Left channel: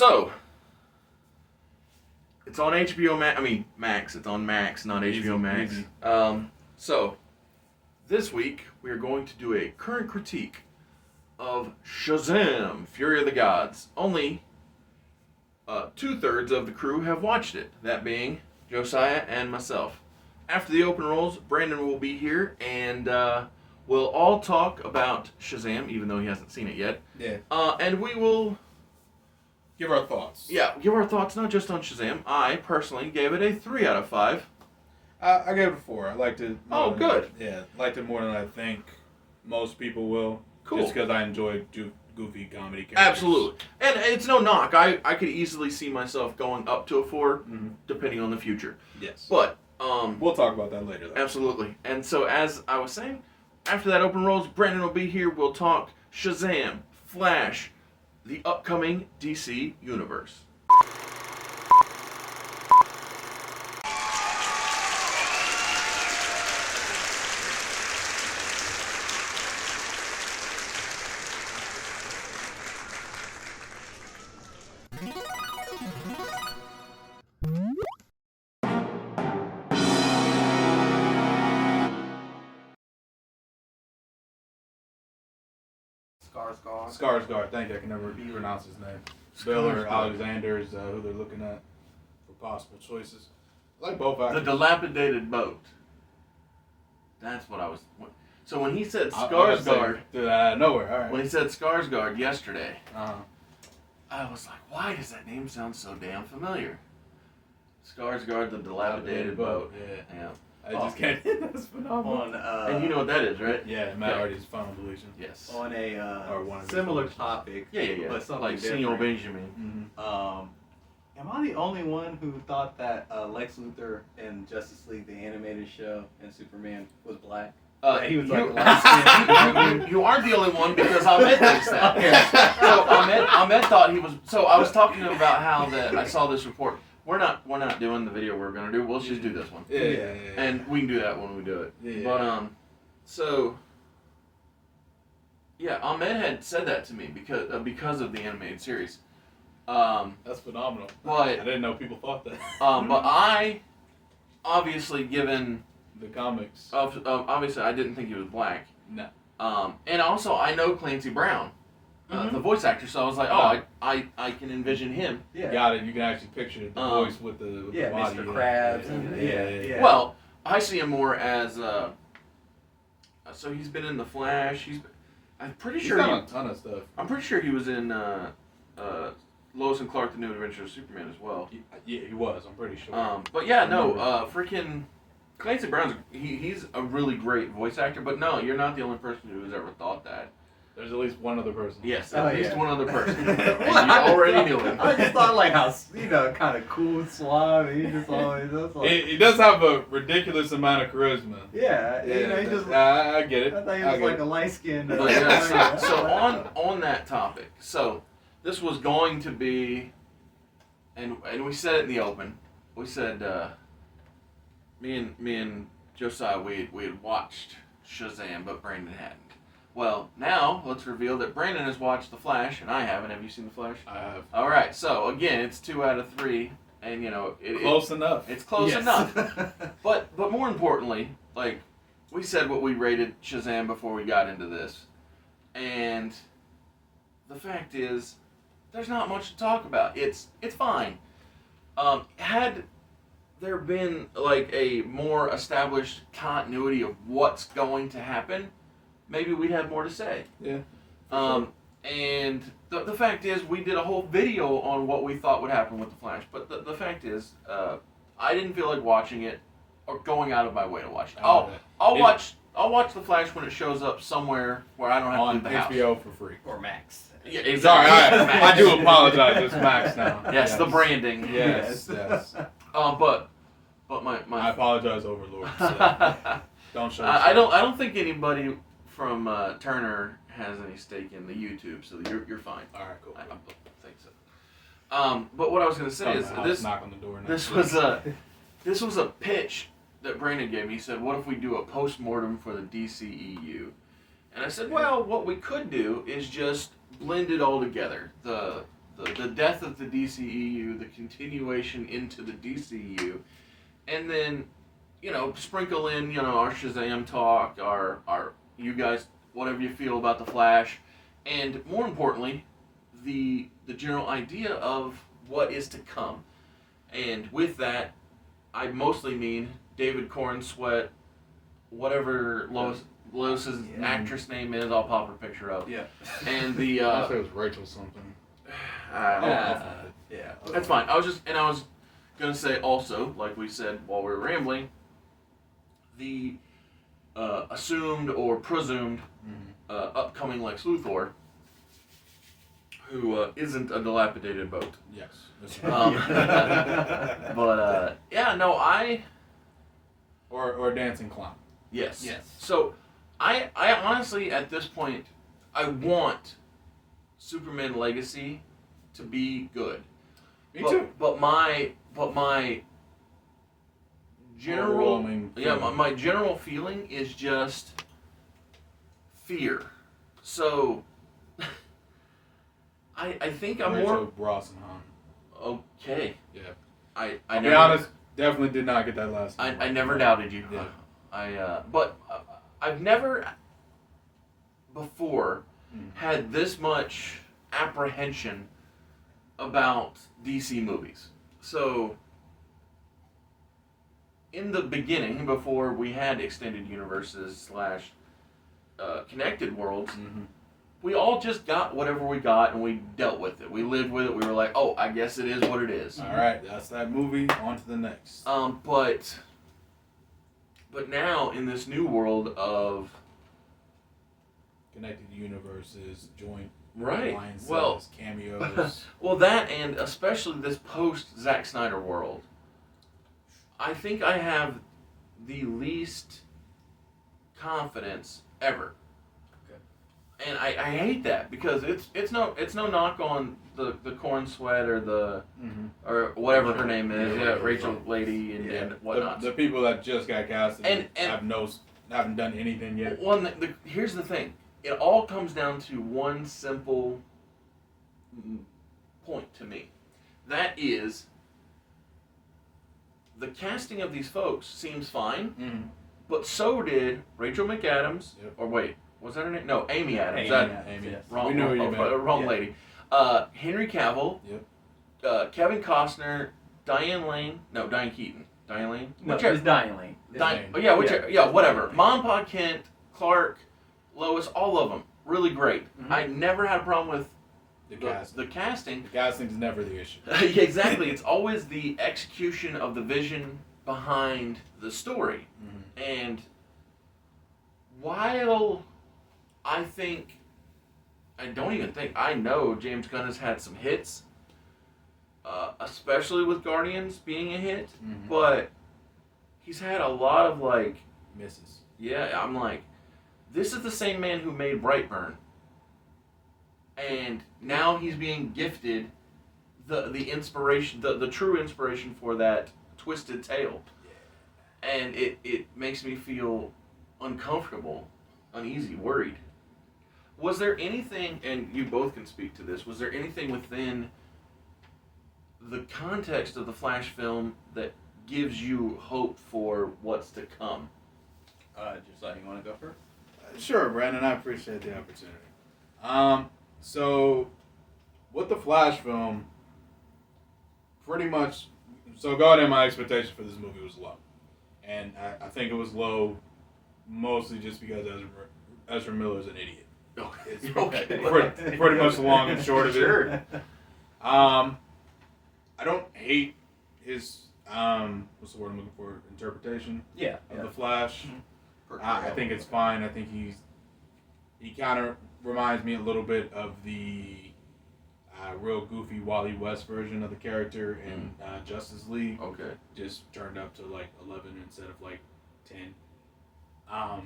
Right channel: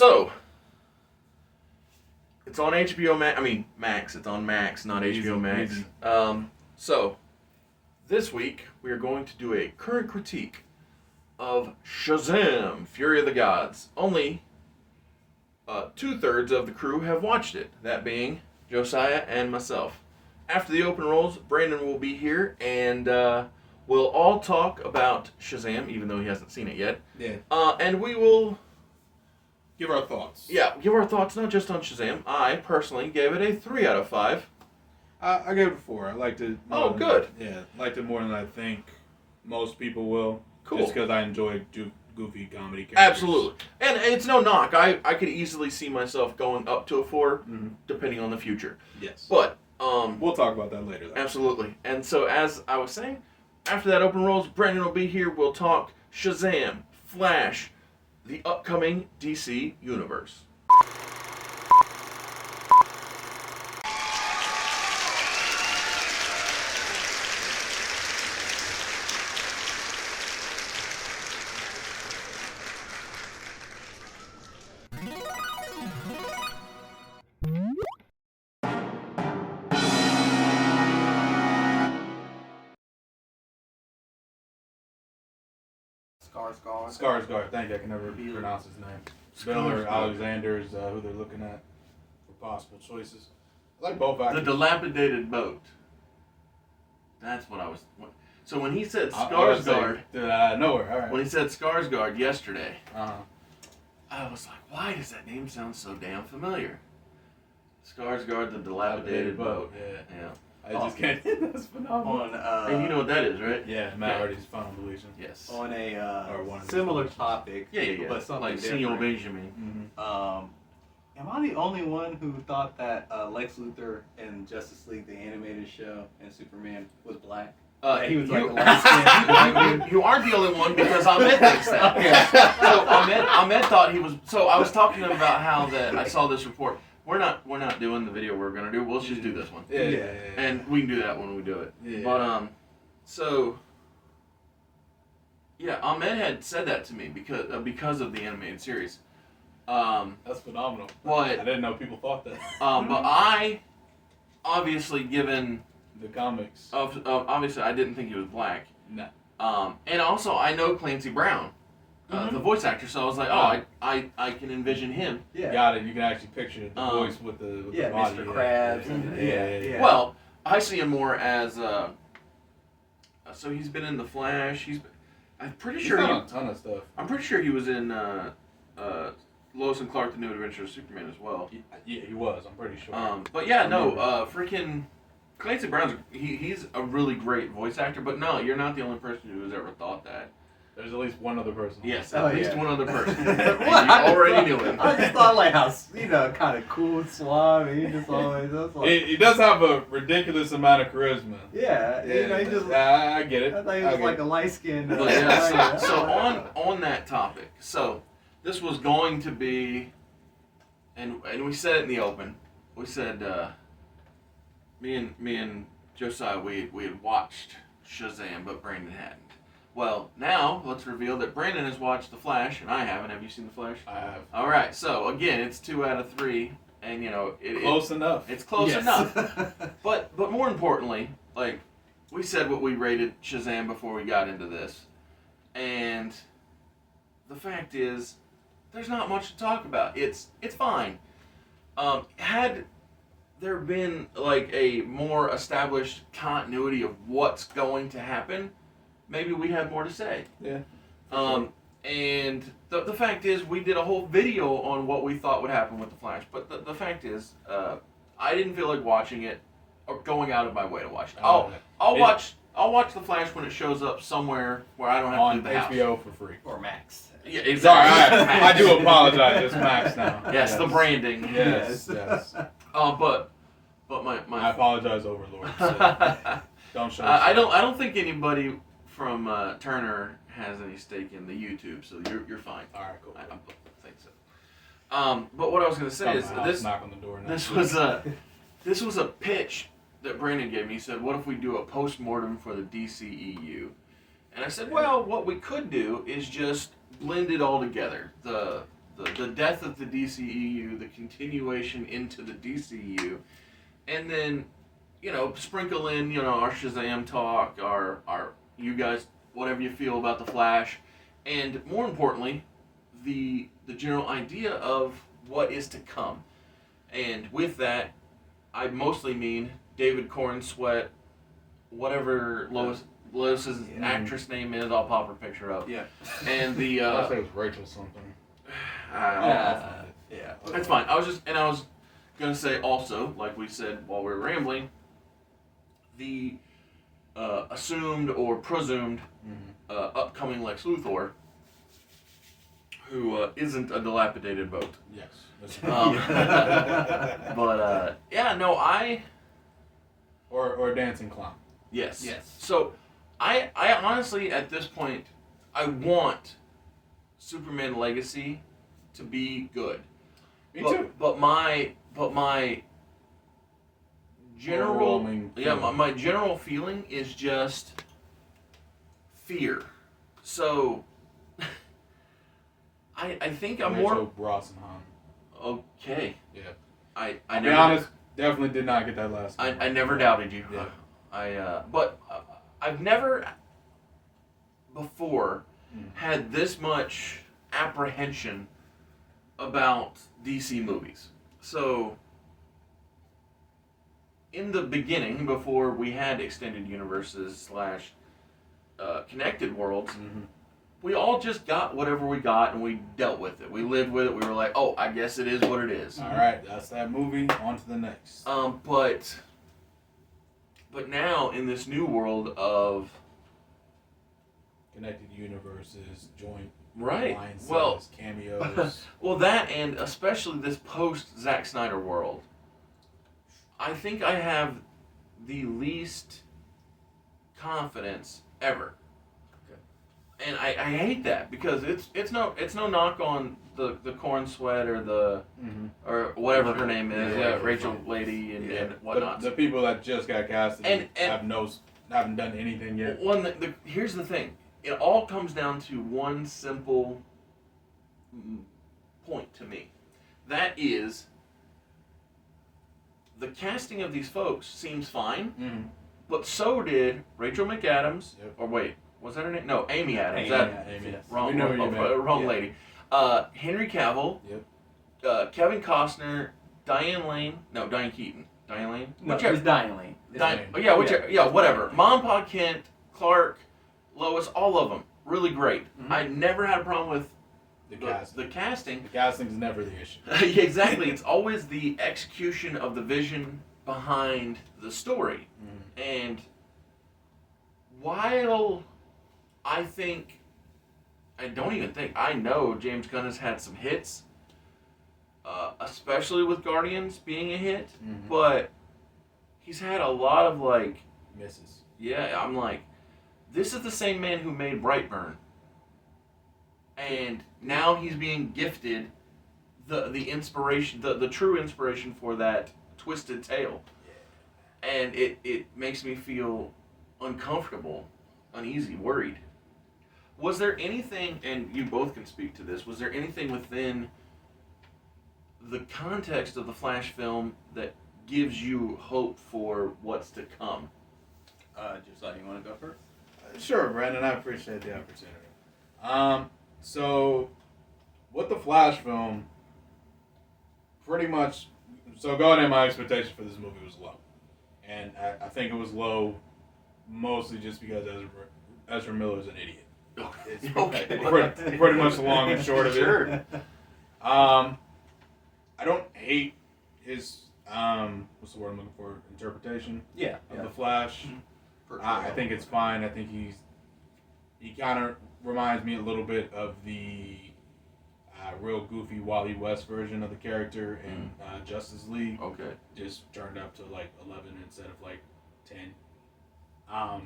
So, it's on HBO Max. I mean, Max. It's on Max, not HBO Max. Easy. So, this week, we are going to do a current critique of Shazam, Fury of the Gods. Only 2/3 of the crew have watched it, that being Josiah and myself. After the open rolls, Brandon will be here, and we'll all talk about Shazam, even though he hasn't seen it yet. Yeah. And we will... Give our thoughts. Yeah, give our thoughts not just on Shazam. I personally gave it a 3 out of 5. I gave it a 4. I liked it. Oh, good. Liked it more than I think most people will. Cool. Just because I enjoy goofy comedy characters. Absolutely. And it's no knock. I could easily see myself going up to a 4, depending on the future. Yes. But, we'll talk about that later, though. absolutely. And so, as I was saying, after that open rolls, Brandon will be here. We'll talk Shazam, Flash, the upcoming DC universe. Skarsgård. Thank you. I can never pronounce his name. Spiller, Alexander is who they're looking at for possible choices. I like both actors. The dilapidated boat. That's what I was... So when he said I Skarsgård... nowhere, all right. When he said Skarsgård yesterday, Uh-huh. I was like, why does that name sound so damn familiar? Skarsgård, the dilapidated boat. Yeah. Yeah. I just can't. That's phenomenal. And you know what that is, right? Yeah, Matt Hardy's Final Illusion. Yes. On Or one a of similar those. topic, Yeah. but something Like different. Senor Benjamin. Am I the only one who thought that Lex Luthor in Justice League, the animated show, and Superman was black? He was like a light-skinned. you aren't the only one because Ahmed thinks that. So Ahmed thought he was. So I was talking to him about how that I saw this report. We're not doing the video we're gonna do. We'll just do this one. Yeah. And we can do that when we do it. Yeah. But so yeah, Ahmed had said that to me because of the animated series. That's phenomenal. But I didn't know people thought that. but I obviously given The comics. obviously I didn't think he was black. No. And also I know Clancy Brown, the voice actor, so I was like, I can envision him. Yeah. Got it. You can actually picture the voice with the body. Mr. Krabs. Yeah. Well, I see him more as so he's been in The Flash. I'm pretty He's sure done a ton of stuff. I'm pretty sure he was in Lois and Clark: The New Adventures of Superman as well. Yeah, he was. I'm pretty sure. But yeah, no, freaking Clancy Brown's he's a really great voice actor. But no, you're not the only person who has ever thought that. There's at least one other person. Yes, at least one other person. And you I already knew him. I just thought like how kind of cool, suave. He just always was like. He does have a ridiculous amount of charisma. Yeah, he just. I get it. I thought he was like a light skinned. But yeah, so on that topic, so this was going to be, and we said it in the open. We said me and Josiah we had watched Shazam, but Brandon hadn't. Well, now let's reveal that Brandon has watched The Flash and I haven't. Have you seen The Flash? I have. All right. So again, it's 2 out of 3, and Close enough. It's close enough. But more importantly, like we said, what we rated Shazam before we got into this, and the fact is, there's not much to talk about. It's fine. Had there been like a more established continuity of what's going to happen, maybe we'd have more to say. Yeah. And the fact is, we did a whole video on what we thought would happen with The Flash. But the fact is, I didn't feel like watching it or going out of my way to watch it. I'll watch The Flash when it shows up somewhere where I don't have to leave the house. On HBO for free. Or Max. Yeah, exactly. Sorry, Max. I do apologize. It's Max now. Yes, the branding. Yes. But my I apologize, Overlord. Don't show. I don't think anybody from Turner has any stake in the YouTube, so you're fine. All right, cool. I don't think so. But what I was gonna say is this. Knock on the door now. This was a pitch that Brandon gave me. He said, "What if we do a post-mortem for the DCEU?" And I said, "Well, what we could do is just blend it all together. The the death of the DCEU, the continuation into the DCU, and then, sprinkle in, our Shazam talk, our you guys, whatever you feel about the Flash, and more importantly, the general idea of what is to come. And with that, I mostly mean David Corn Sweat, whatever Lois's actress name is, I'll pop her picture up. Yeah. And the I think it was Rachel something. Yeah. That's fine. I was gonna say also, like we said while we were rambling, the assumed or presumed upcoming Lex Luthor, who isn't a dilapidated boat. Yes. But Or a dancing clown. Yes. Yes. So I honestly at this point I want Superman Legacy to be good. Me too. But my general my general feeling is just fear. So I think I'm more Brosnahan. okay. Yeah. I'll be honest, definitely did not get that last name. I never doubted you. Yeah. But I've never before had this much apprehension about DC movies. So in the beginning, before we had extended universes / connected worlds, we all just got whatever we got and we dealt with it. We lived with it. We were like, oh, I guess it is what it is. All right, that's that movie. On to the next. But now in this new world of connected universes, joint alliances, cameos. Well, that and especially this post Zack Snyder world, I think I have the least confidence ever. And I hate that because it's no knock on the Corn Sweat or the or whatever her name is, Rachel lady and whatnot. The people that just got casted and haven't done anything yet. Here's the thing. It all comes down to one simple point to me. That is, the casting of these folks seems fine, but so did Rachel McAdams. Yep. Or wait, was that her name? No, Amy Adams. Amy. Yes. Wrong lady. Henry Cavill. Yep. Kevin Costner. Diane Keaton. Diane Lane. No, it's Diane Lane. Whatever. Mom, Pa Kent, Clark, Lois, all of them, really great. I never had a problem with the casting. The casting's never the issue. Exactly. It's always the execution of the vision behind the story. And while I know James Gunn has had some hits, especially with Guardians being a hit, but he's had a lot of misses. Yeah, I'm like, this is the same man who made Brightburn. And now he's being gifted the inspiration, the true inspiration for that twisted tale. And it makes me feel uncomfortable, uneasy, worried. Was there anything, and you both can speak to this, was there anything within the context of the Flash film that gives you hope for what's to come? Josiah, you want to go first? Sure, Brandon. I appreciate the opportunity. So with the Flash film, pretty much, so going in, my expectation for this movie was low. And I think it was low mostly just because Ezra Miller's an idiot. It's pretty much the long and short of it. Sure. I don't hate his, what's the word I'm looking for, interpretation of the Flash. I think it's fine. I think he kind of reminds me a little bit of the real goofy Wally West version of the character in Justice League. Okay. Just turned up to 11 instead of 10. I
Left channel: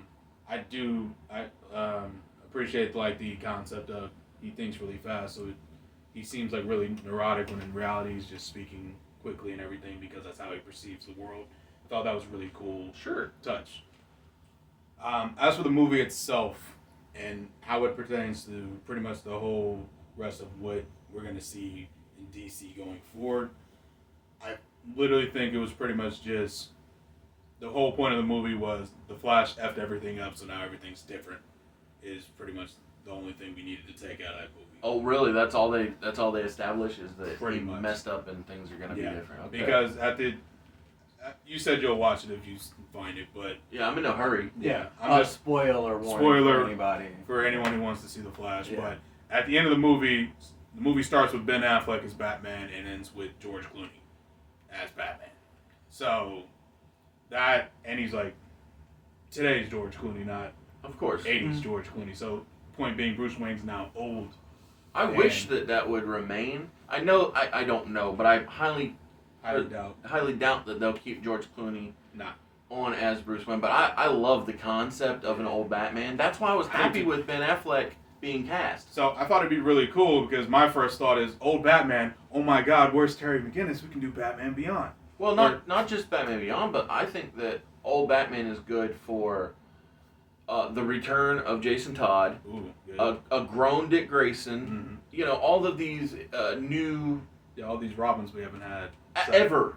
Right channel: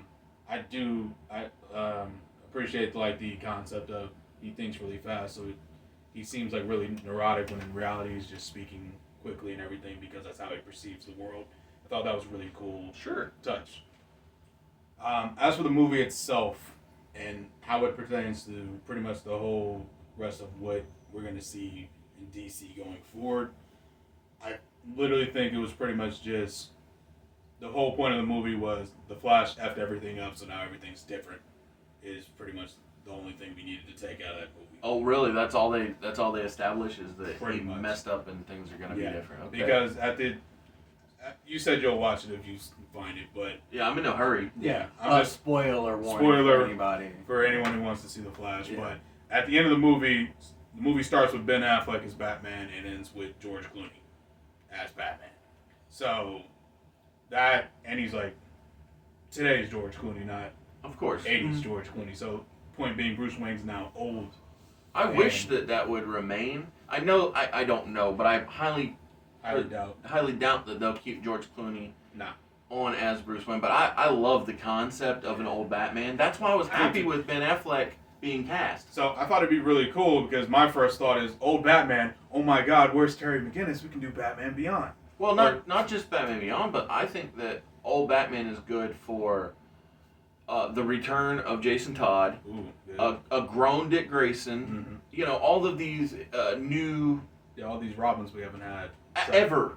appreciate the concept of he thinks really fast, so he seems really neurotic when in reality he's just speaking quickly and everything because that's how he perceives the world. I thought that was a really cool touch. As for the movie itself and how it pertains to pretty much the whole rest of what we're going to see in DC going forward. I literally think it was pretty much just the whole point of the movie was the Flash effed everything up, so now everything's different. Is pretty much the only thing we needed to take out of that movie. Oh, really? That's all they establish is that Pretty he much. messed up and things are gonna be different. Okay. Because you said you'll watch it if you find it, but yeah, I'm in no hurry. yeah, I'm just spoiler warning for anybody. for anyone who wants to see the Flash. Yeah. But at the end of the movie starts with Ben Affleck as Batman and ends with George Clooney as Batman. So that, and he's like, today's George Clooney, not Of course. 80s George Clooney. So point being, Bruce Wayne's now old. I wish that would remain. I know. I don't know, but I highly doubt that they'll keep George Clooney on as Bruce Wayne. But I love the concept of an old Batman. That's why I was happy with Ben Affleck being cast. So I thought it'd be really cool because my first thought is, old Batman, oh my God, where's Terry McGinnis? We can do Batman Beyond. Well, not just Batman Beyond, but I think that old Batman is good for the return of Jason Todd, a grown Dick Grayson, all of these new... Yeah, all these Robins we haven't had. Ever.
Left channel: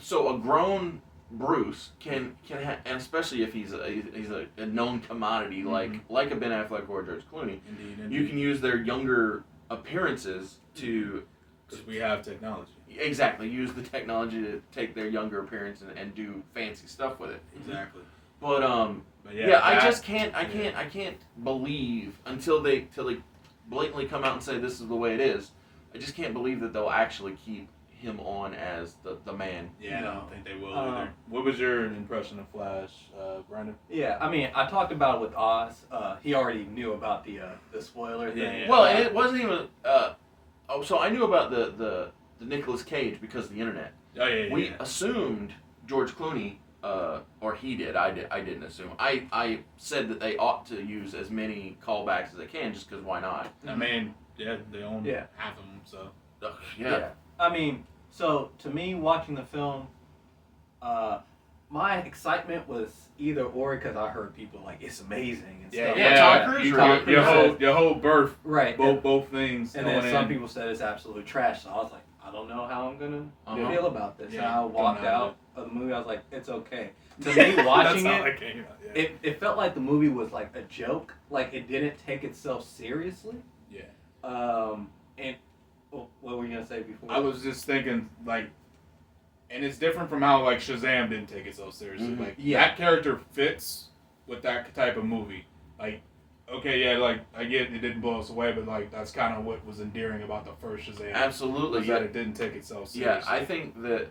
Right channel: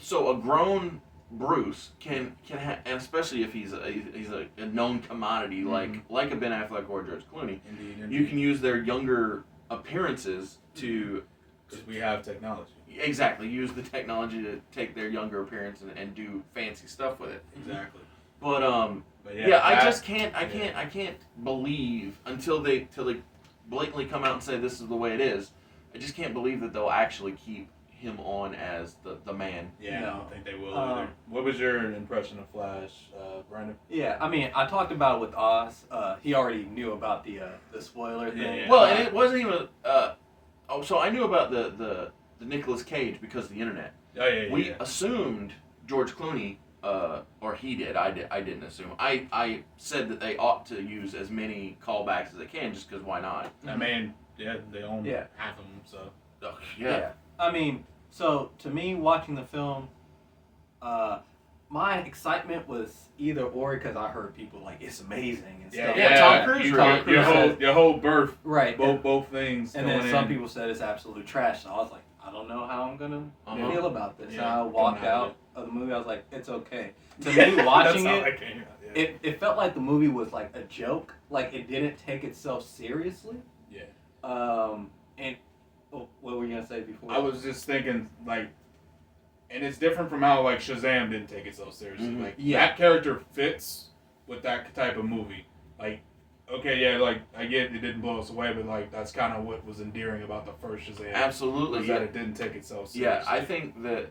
So a grown Bruce can have, and especially if he's a known commodity like a Ben Affleck or George Clooney, Indeed. you can use their younger appearances to... Because we have technology. Exactly, use the technology to take their younger appearance and do fancy stuff with it. Exactly. But I just can't. I can't believe until they blatantly come out and say this is the way it is. I just can't believe that they'll actually keep him on as the man. Yeah, I don't think they will either. What was your impression of Flash, Brandon? Yeah, I mean, I talked about it with Oz. He already knew about the spoiler thing. Yeah. Well, and it wasn't even. So I knew about the Nicolas Cage because of the internet. Oh yeah. We assumed George Clooney. Or he did. I didn't assume. I said that they ought to use as many callbacks as they can, just because why not? I mean, yeah, they own half of them, so. Yeah. I mean, so to me, watching the film, my excitement was either or because I heard people like it's amazing and stuff. Yeah, Tom Cruise. Your whole birth. Right. Both things. And then some people said it's absolute trash. So I was like, I don't know how I'm gonna feel about this. Yeah, and I walked out of the movie. I was like, it's okay. To me, watching it felt like the movie was like a joke. Like it didn't take itself seriously. Yeah. And what were you gonna say before? I was just thinking like, and it's different from how like Shazam didn't take itself seriously. Mm-hmm. Like that character fits with that type of movie. Like, okay, yeah, like I get it didn't blow us away, but like that's kind of what was endearing about the first Shazam. Absolutely. That it didn't take itself seriously. Yeah, I think that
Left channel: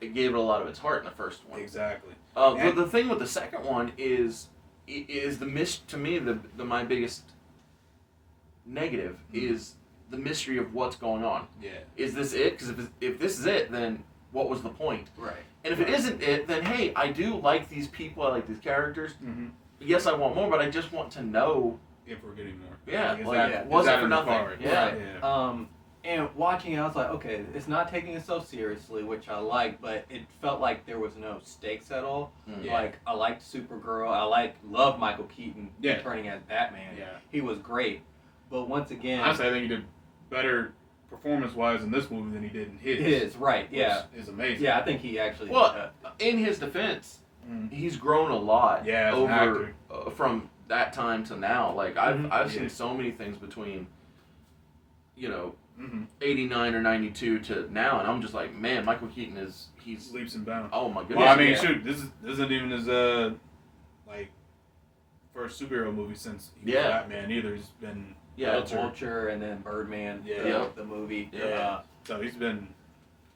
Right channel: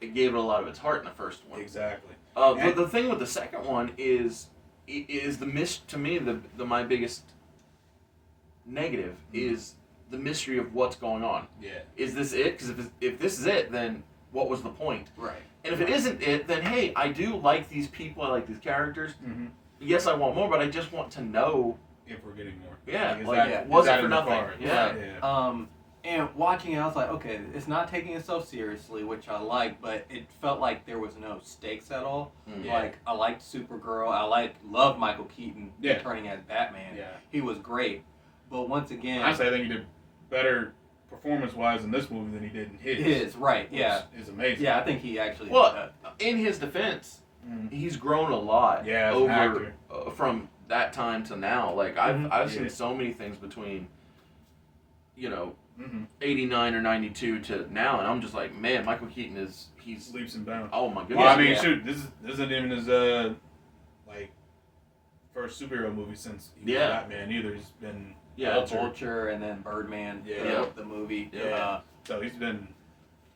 gave it a lot of its heart in the first one. Exactly. But the thing with the second one is to me my biggest negative is the mystery of what's going on. Yeah. Is this it? Because if this is it, then what was the point? Right. And if it isn't it, then hey, I do like these people. I like these characters. Mm-hmm. Yes, I want more, but I just want to know if we're getting more. Yeah. Was it for nothing? Yeah. And watching it, I was like, okay, it's not taking itself seriously, which I like, but it felt like there was no stakes at all. Mm-hmm. Like, I liked Supergirl. I loved Michael Keaton returning as Batman. Yeah. He was great. But once again... Honestly, I think he did better performance-wise in this movie than he did in his. Right, yeah. Is amazing. Yeah, I think he actually... Well, in his defense, he's grown a lot over from that time to now. Like, I've seen so many things between, 89 or 92 to now, and I'm just like, man, Michael Keaton he's leaps and bounds. Oh my goodness! Well, I mean, shoot, this isn't even his first superhero movie since he was Batman either. He's been Vulture and then Birdman. The movie. So he's been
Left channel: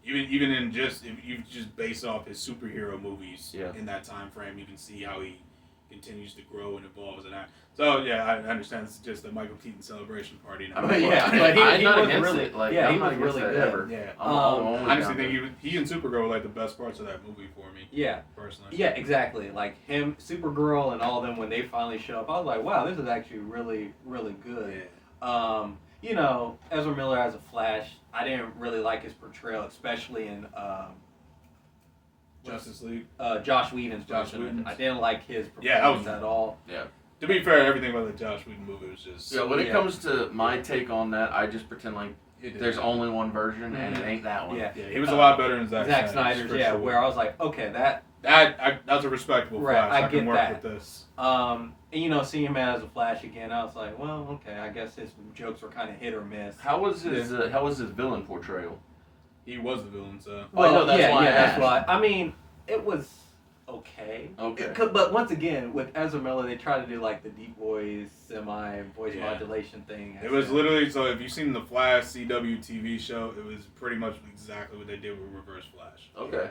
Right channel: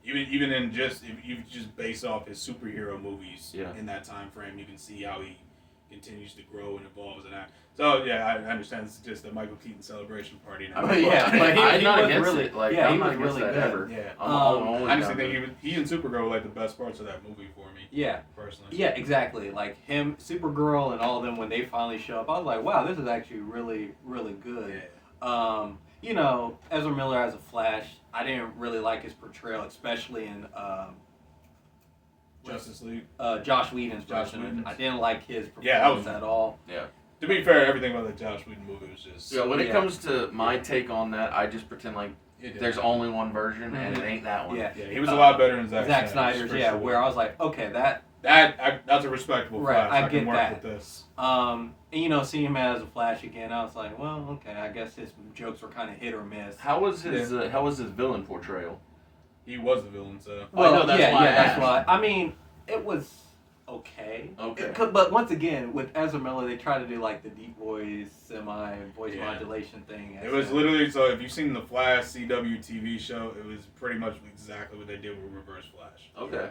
even in just if you just base off his superhero movies in that time frame, you can see how he continues to grow and evolve as an actor. So yeah, I understand it's just a Michael Keaton celebration party. I'm not against it. Like I'm not against that ever. Yeah, I just think he and Supergirl were like the best parts of that movie for me. Yeah, personally. Yeah, exactly. Like him, Supergirl, and all of them when they finally show up, I was like, wow, this is actually really, really good. Yeah. Ezra Miller as a Flash, I didn't really like his portrayal, especially in Justice League. Josh Whedon's version. I didn't like his performance at all. Yeah. to be fair, everything about the Josh Whedon movie was just. Yeah, when it comes to my take on that, I just pretend like It there's did. only one version, and it ain't that one. Yeah. Yeah, he was a lot better than Zack Snyder's, for yeah, sure. where I was like, okay, That's a respectable Right, Flash. I I can get work that. with this. and you know, seeing him as a Flash again, I was like, well, okay, I guess his jokes were kind of hit or miss. How was his villain portrayal? He was the villain, so. Well, I know, that's why I that's asked. why. I mean, it was okay. Okay. But once again, with Ezra Miller, they tried to do like the deep voice, voice Yeah. modulation thing. It was literally, so if you've seen the Flash CW TV show, it was pretty much exactly what they did with Reverse Flash. Okay.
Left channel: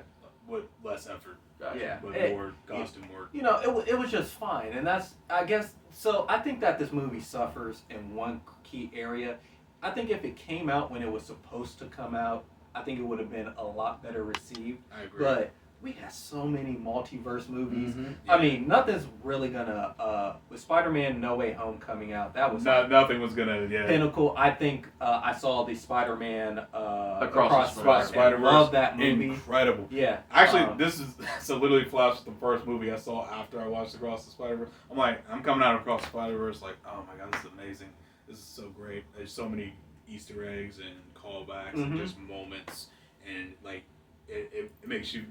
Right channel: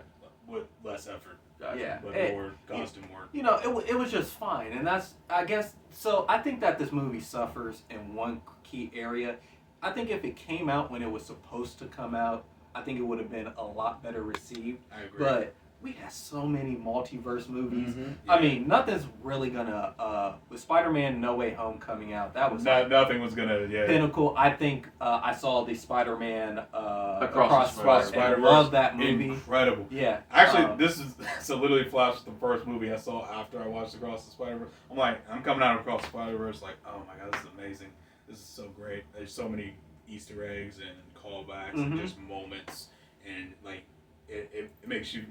With less effort, Gotcha. Yeah. but more costume work. You know, it was just fine, and that's, I guess, so I think that this movie suffers in one key area. I think if it came out when it was supposed to come out, I think it would have been a lot better received. I agree. But we had so many multiverse movies. Mhm. I mean, nothing's really gonna. With Spider-Man: No Way Home coming out, that was Nothing was gonna, pinnacle. I think I saw the Spider-Man Across the Spider-Verse. Spider-Verse. Love that movie. Incredible. Yeah. Actually, um, this is so literally Flash was the first movie I saw after I watched Across the Spider-Verse. I'm coming out of Across the Spider-Verse like, oh my god, this is amazing. This is so great. There's so many Easter eggs and callbacks and Mhm. just moments, and like it makes you,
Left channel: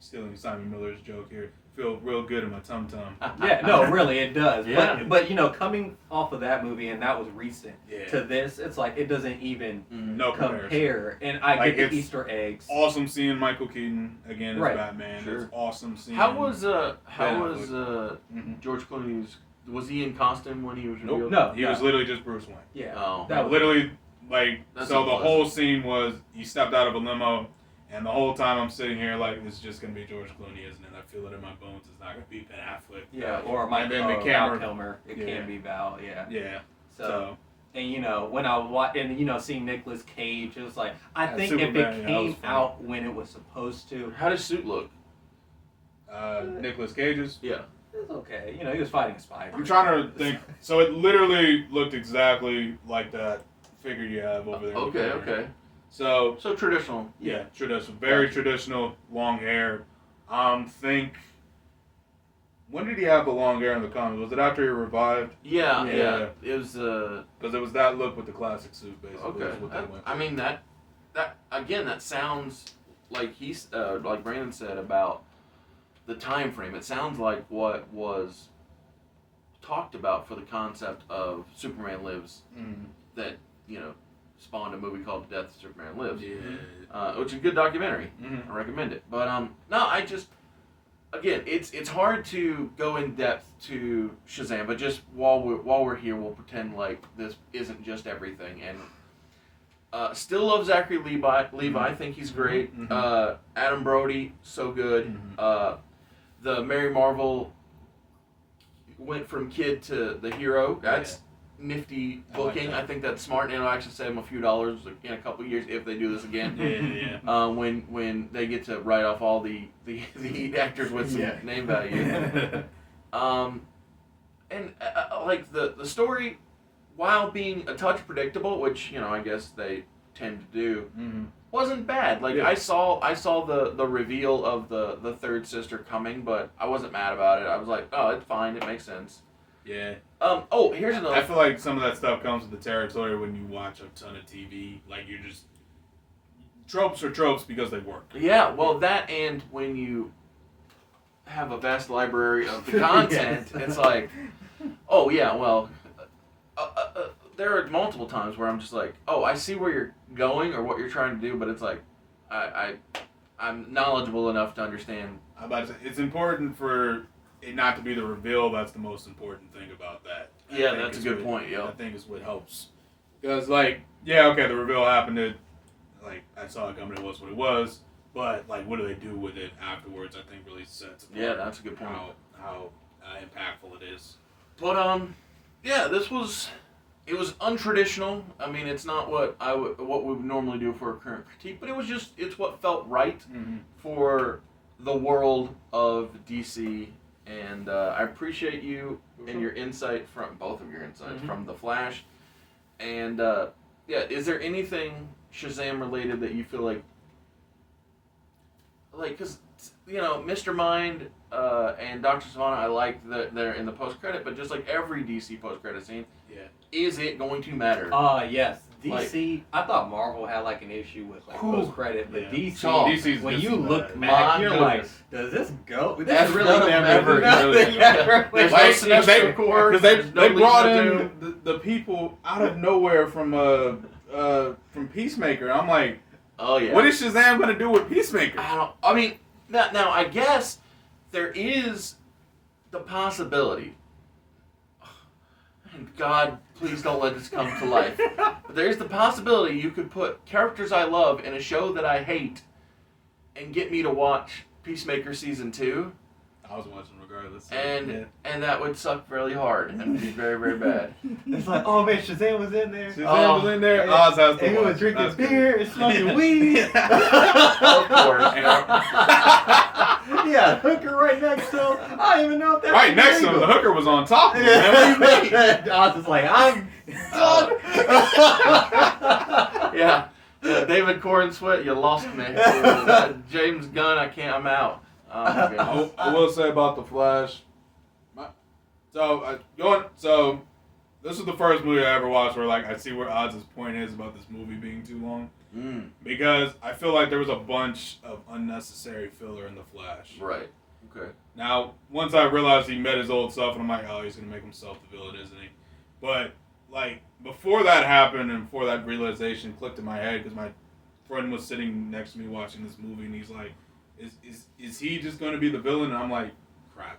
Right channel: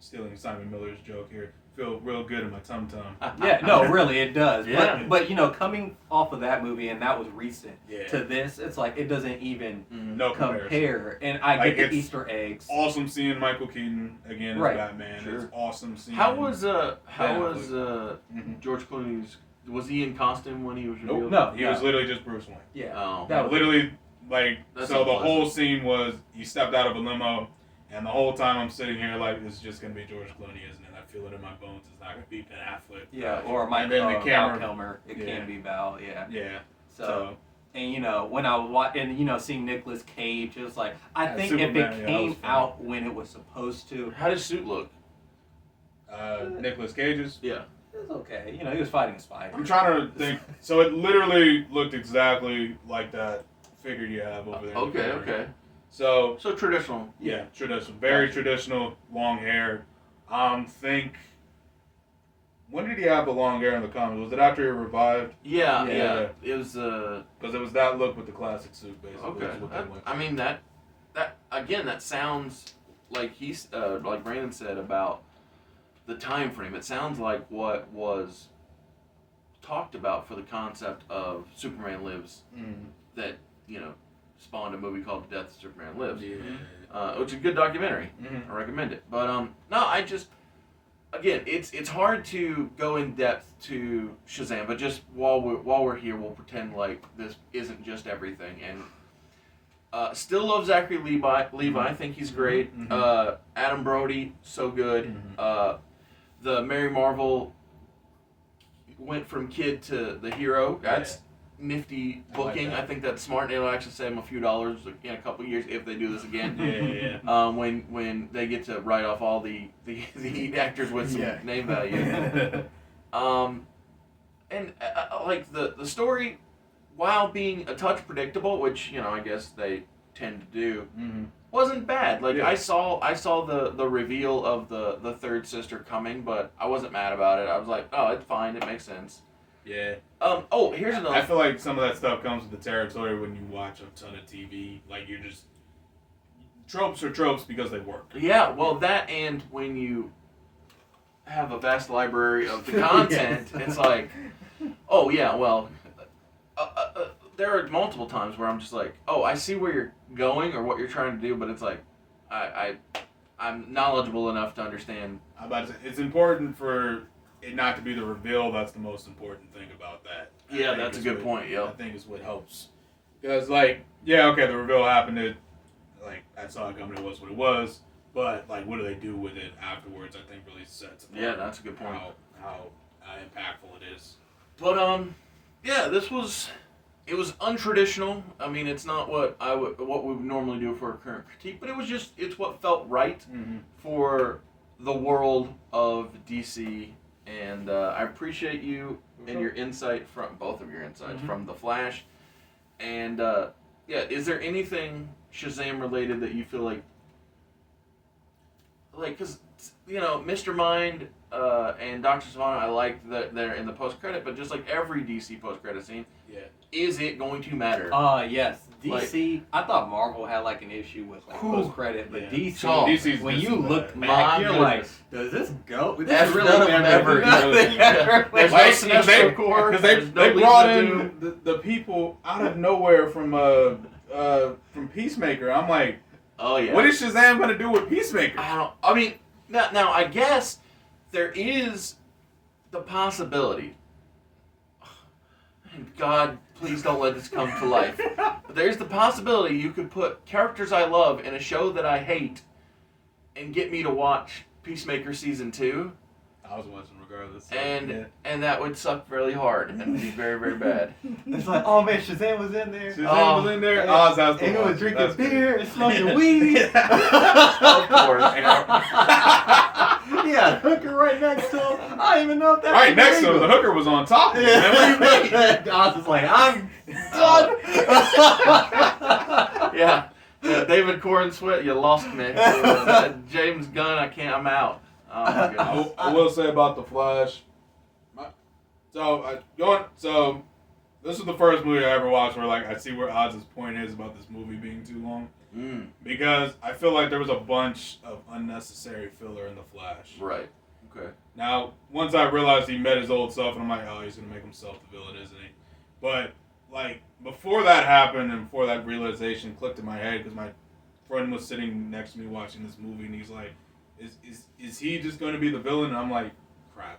stealing Simon Miller's joke here, feel real good in my tum tum. Yeah, no, really, it does. Yeah. But you know, coming off of that movie, and that was recent, Yeah. to this, it's like it doesn't even No comparison. compare. And I Like, get the it's Easter eggs. Awesome seeing Michael Keaton again as Right. Batman. Sure. It's awesome seeing. How was Mhm. George Clooney's? Was he in costume when he was Nope. revealed? No, He was literally just Bruce Wayne. Yeah, Oh. that was Literally, like, That's so the unpleasant. whole scene was he stepped out of a limo, and the whole time I'm sitting here like, this is just gonna be George Clooney, isn't it? I feel it in my bones. It's not gonna be Ben Affleck. Yeah, or my And then the Val camera- Kilmer. It Yeah. can be Val. Yeah. Yeah. So, and you know, when I was and you know, seeing Nicolas Cage, it was like I Yeah, think Superman, if yeah, it that came was fun. out when it was supposed to, How does suit look? Nicolas Cage's. Yeah. it was okay. You know, he was fighting a spider. I'm trying to think. So it literally looked exactly like that figure you have over there. Okay. Okay. So So traditional. yeah, traditional, very traditional, long hair. Think. When did he have the long hair in the comics? Was it after he revived? Yeah. Yeah. Yeah. It was. Because it was that look with the classic suit, basically. Okay. is what they went I for. mean that again. That sounds like he's like Brandon said about the time frame. It sounds like what was talked about for the concept of Superman Lives. Mhm. That spawned a movie called Death of Superman Lives. Yeah. Which is a good documentary. Mhm. I recommend it. But no, I just again, it's hard to go in depth to Shazam. But just while we're here, we'll pretend like this isn't just everything. And still love Zachary Levi. I think he's great. Mhm. Adam Brody, so good. Mhm. The Mary Marvel went from kid to the hero. That's nifty I like booking. that. I think that's smart, and it'll actually save them a few dollars in a couple years if they do this again. Yeah. When they get to write off all the actors with some Yeah. name value. And like the story, while being a touch predictable, which I guess they tend to do, Mhm. wasn't bad. Like Yeah. I saw the reveal of the third sister coming, but I wasn't mad about it. I was like, oh, it's fine. It makes sense. Yeah. Oh, here's another. I feel like some of that stuff comes with the territory when you watch a ton of TV. Like you're just tropes are tropes because they work. Yeah, well, that and when you have a vast library of the content, Yes. it's like, oh yeah, well, there are multiple times where I'm just like, oh, I see where you're going or what you're trying to do, but it's like, I'm knowledgeable enough to understand. I'm about to say it's important for it not to be the reveal. That's the most important thing about that. I Yeah, think that's a is good what- point. I Yep. think is what helps. Because like, yeah, okay, the reveal happened. I saw it coming. It was what it was. But like, what do they do with it afterwards? I think really sets apart Yeah, that's a good point. how impactful it is. But yeah, it was untraditional. I mean, it's not what we would normally do for a current critique, but it's what felt right Mm-hmm. for the world of DC, and I appreciate you and your insight from both of your insights Mhm. from The Flash, and yeah, is there anything Shazam related that you feel like, because Mr. Mind and Dr. Savannah, I liked that they're in the post credit, but just like every DC post credit scene, is it going to matter? Yes. DC, I thought Marvel had like an issue with like post credit, but DC, DC's when just you look bad. back, you're goodness. like, does this go? This F is really none of them ever. There's no Sinestro Corps. Because There's no they brought Lisa in Doom. the people out of nowhere from Peacemaker. I'm like, Oh yeah. what is Shazam gonna do with Peacemaker? I mean, now I guess there is the possibility. And God, please don't let this come to life. But there's the possibility you could put characters I love in a show that I hate, and get me to watch Peacemaker season 2. I was watching regardless. So, And that would suck really hard and be very, very bad. It's like, oh man, Shazam was in there. Shazam was in there. Oz has to And he watch was it. drinking That's beer good. and smoking weed. Of course. Yeah, hooker right next to him. I don't even know if that's Right next to him, the hooker was on top of him. Man, what do you mean? I was just like, I'm Yeah, David Corn Sweat, you lost me. James Gunn, I'm out. Oh my goodness. I will say about the Flash. So this is the first movie I ever watched where like I see where Oz's point is about this movie being too long. Because I feel like there was a bunch of unnecessary filler in the Flash. Right. Okay. Now, once I realized he met his old self, and I'm like, oh, he's gonna make himself the villain, isn't he? But like before that happened, and before that realization clicked in my head, because my friend was sitting next to me watching this movie, and he's like, "Is he just gonna be the villain?" And I'm like, "Crap,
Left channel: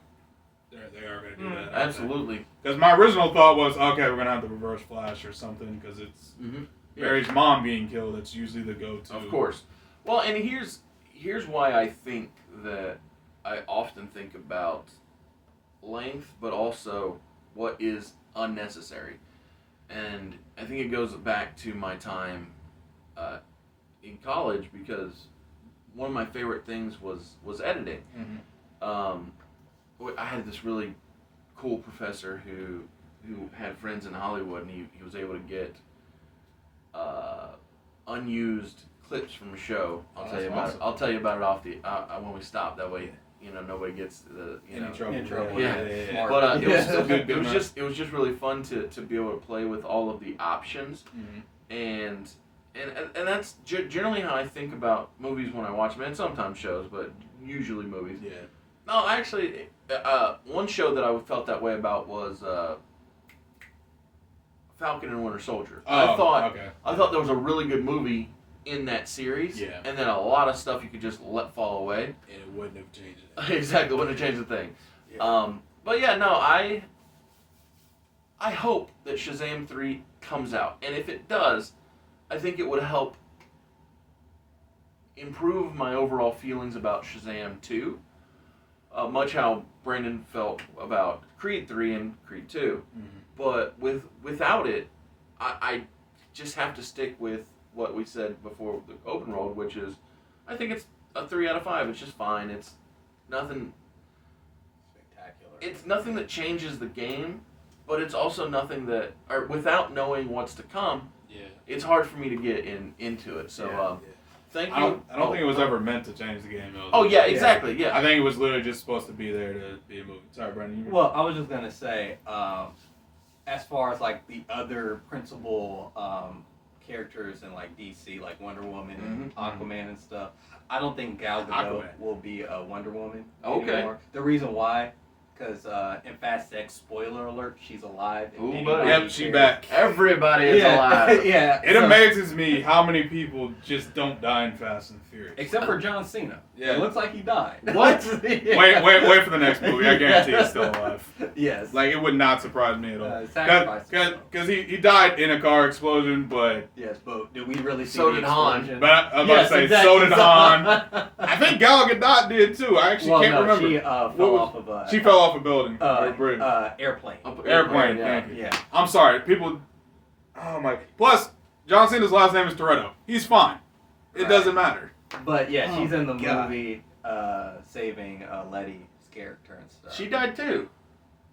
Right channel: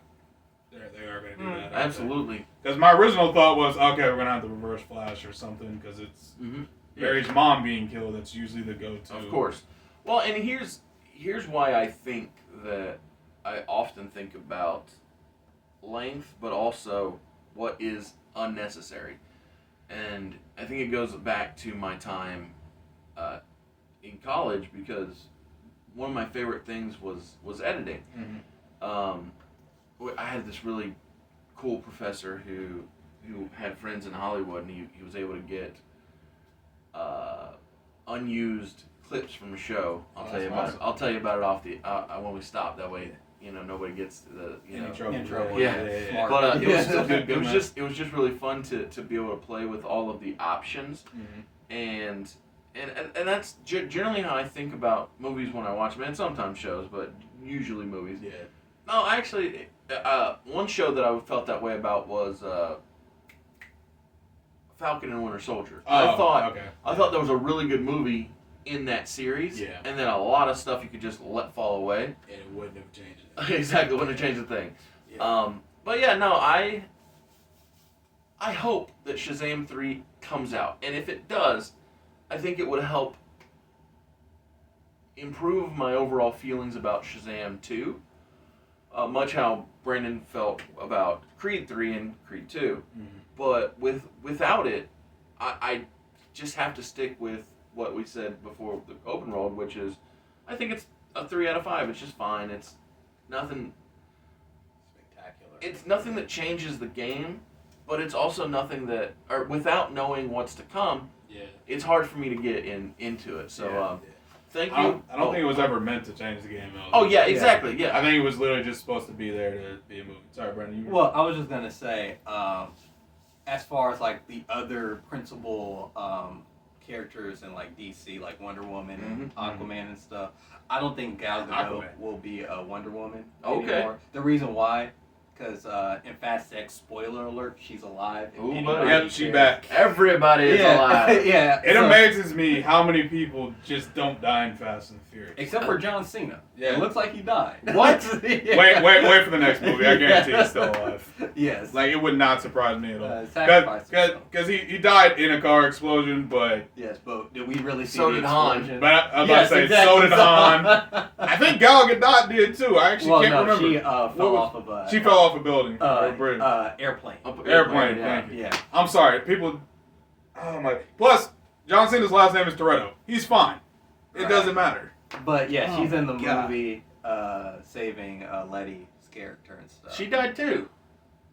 they are gonna do that." Absolutely. Because my original thought was, okay, we're gonna have the Reverse Flash or something, because it's Barry's mom being killed. That's usually the go-to. Of course. Well, and here's why I think that I often think about length, but also what is unnecessary. And I think it goes back to my time in college, because one of my favorite things was editing. I had this really cool professor who had friends in Hollywood, and he was able to get unused clips from a show. I'll tell you about it. I'll tell you about it off the when we stop. That way, nobody gets the In trouble. Yeah. But it was still it was just really fun to be able to play with all of the options, and that's generally how I think about movies when I watch them, and sometimes shows, but usually movies. Yeah. No, actually, one show that I felt that way about was Falcon and Winter Soldier. I thought there was a really good movie in that series, and then a lot of stuff you could just let fall away. And it wouldn't have changed it. Exactly, wouldn't have changed a thing. Yeah. But yeah, no, I hope that Shazam 3 comes out, and if it does, I think it would help improve my overall feelings about Shazam 2, much how Brandon felt about Creed 3 and Creed 2. But without it, I just have to stick with what we said before the open road, which is, I think it's a 3 out of 5. It's just fine. It's nothing spectacular. It's nothing that changes the game, but it's also nothing that, or without knowing what's to come, it's hard for me to get into it. So thank you. I don't think it was ever meant to change the game. Oh yeah, exactly. Yeah. I think it was literally just supposed to be there to be a movie. Sorry, Brandon. Well, I was just gonna say, as far as like the other principal characters in like DC, like Wonder Woman and Aquaman and stuff, I don't think Gal Gadot will be a Wonder Woman anymore. The reason why, because in Fast X, spoiler alert, she's alive. Ooh, buddy. Yep, she's back. Everybody is alive. Yeah. It amazes me how many people just don't die in Fast and Furious. Except for John Cena. Yeah. It looks like he died. What? Wait for the next movie. I guarantee he's still alive. Yes. Like, it would not surprise me at all. Sacrifice. Because he died in a car explosion, but... Yes, but did we really see So the did Han. explosion? But I was about to say, so did Han. I think Gal Gadot did too. I actually can't remember. She fell off of a... She fell off a building. Or a bridge. Airplane. Airplane, yeah. thank you. Yeah. I'm sorry, people... Oh my... Plus, John Cena's last name is Toretto. He's fine. It doesn't matter. But yeah, she's in the God. movie saving Letty's character and stuff. She died too,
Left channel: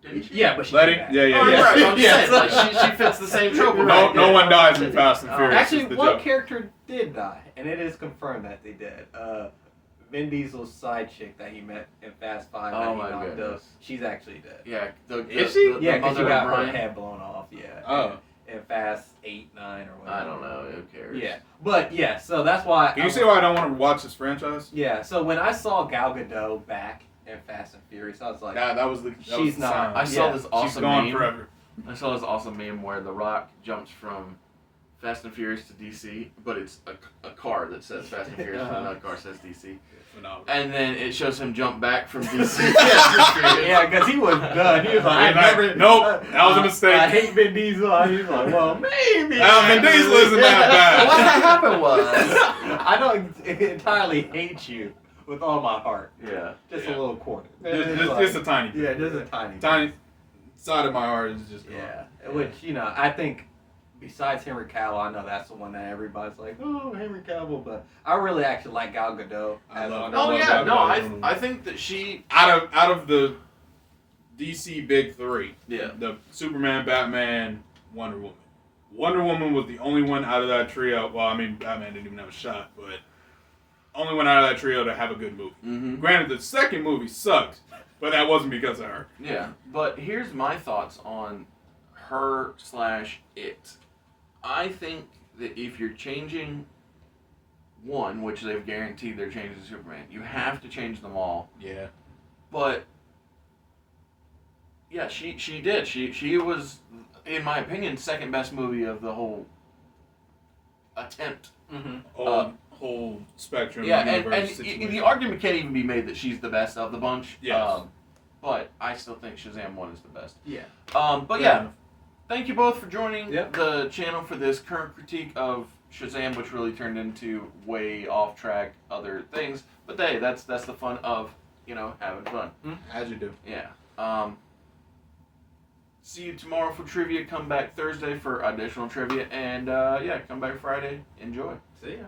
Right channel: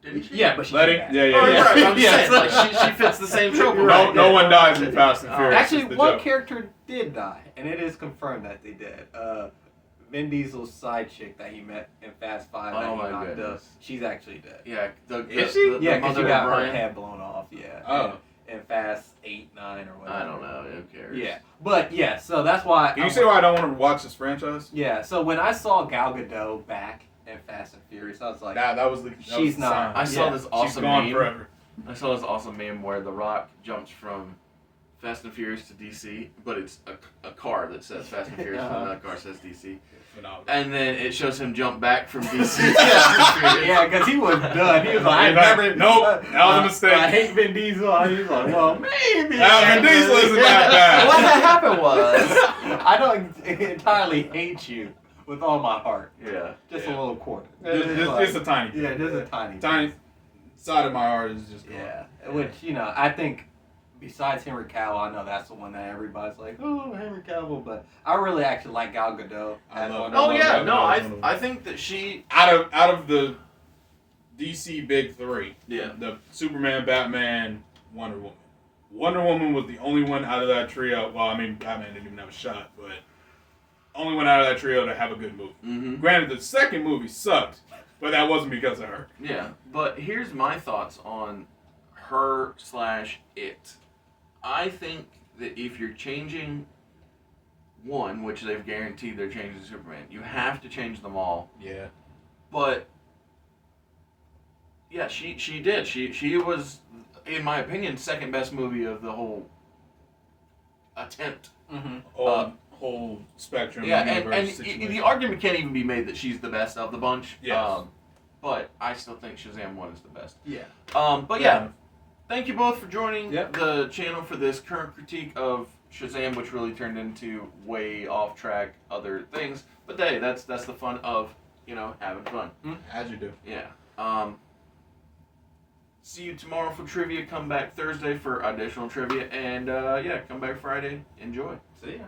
didn't she? Yeah, but she Letty? came back. Yeah. Oh, right. I'm just Yes. saying, like she fits the same trope. No one dies in Fast and Furious. Actually, is the one joke. character did die, and it is confirmed that they did. Vin Diesel's side chick that he met in Fast Five that Oh he my knocked up, goodness. she's actually dead. Yeah, Is she? Yeah, because she mother got of her Brian. head blown off. Yeah. Oh. In Fast 8, 9, or whatever. I don't know. Who cares? Yeah, but yeah, so that's why. Can you see why I don't want to watch this franchise? Yeah, so when I saw Gal Gadot back in Fast and Furious, I was like, Nah, that was the. That She's was the not. sign. I saw Yeah, this She's awesome gone meme. forever. I saw this awesome meme where The Rock jumps from Fast and Furious to DC, but it's a car that says Fast and Furious, and another car says DC. Phenomenal. And then it shows him jump back from DC. yeah, because he was done. He was like, I He's like, never. nope, that was a mistake. I hate Vin Diesel. He was like, well, maybe. Vin Diesel isn't that bad. What happened was, I don't entirely hate you with all my heart. yeah, Just Yeah. a little quarter. Just a tiny bit. Yeah, just a tiny. Tiny side of my heart is just gone. Yeah, which I think besides Henry Cavill, I know that's the one that everybody's like, oh, Henry Cavill, but I really actually like Gal Gadot. I love one her. of Oh those- yeah, that. no, That was I think that she, Out of the DC big three, yeah, the Superman, Batman, Wonder Woman. Wonder Woman was the only one out of that trio. Well, I mean, Batman didn't even have a shot, but only one out of that trio to have a good movie. mm-hmm. Granted, the second movie sucked, but that wasn't because of her. Yeah, but here's my thoughts on her/it. I think that if you're changing one, which they've guaranteed they're changing Superman, you have to change them all. Yeah. But yeah, she did. She was, in my opinion, second best movie of the whole attempt. Mhm. Whole spectrum. Yeah, and universe the situation. argument can't even be made that she's the best of the bunch. Yes. But I still think Shazam 1 is the best. Yeah. But yeah, thank you both for joining Yep. the channel for this current critique of Shazam, which really turned into way off track other things. But hey, that's the fun of having fun. As you do. Yeah. See you tomorrow for trivia. Come back Thursday for additional trivia, and come back Friday. Enjoy. See ya.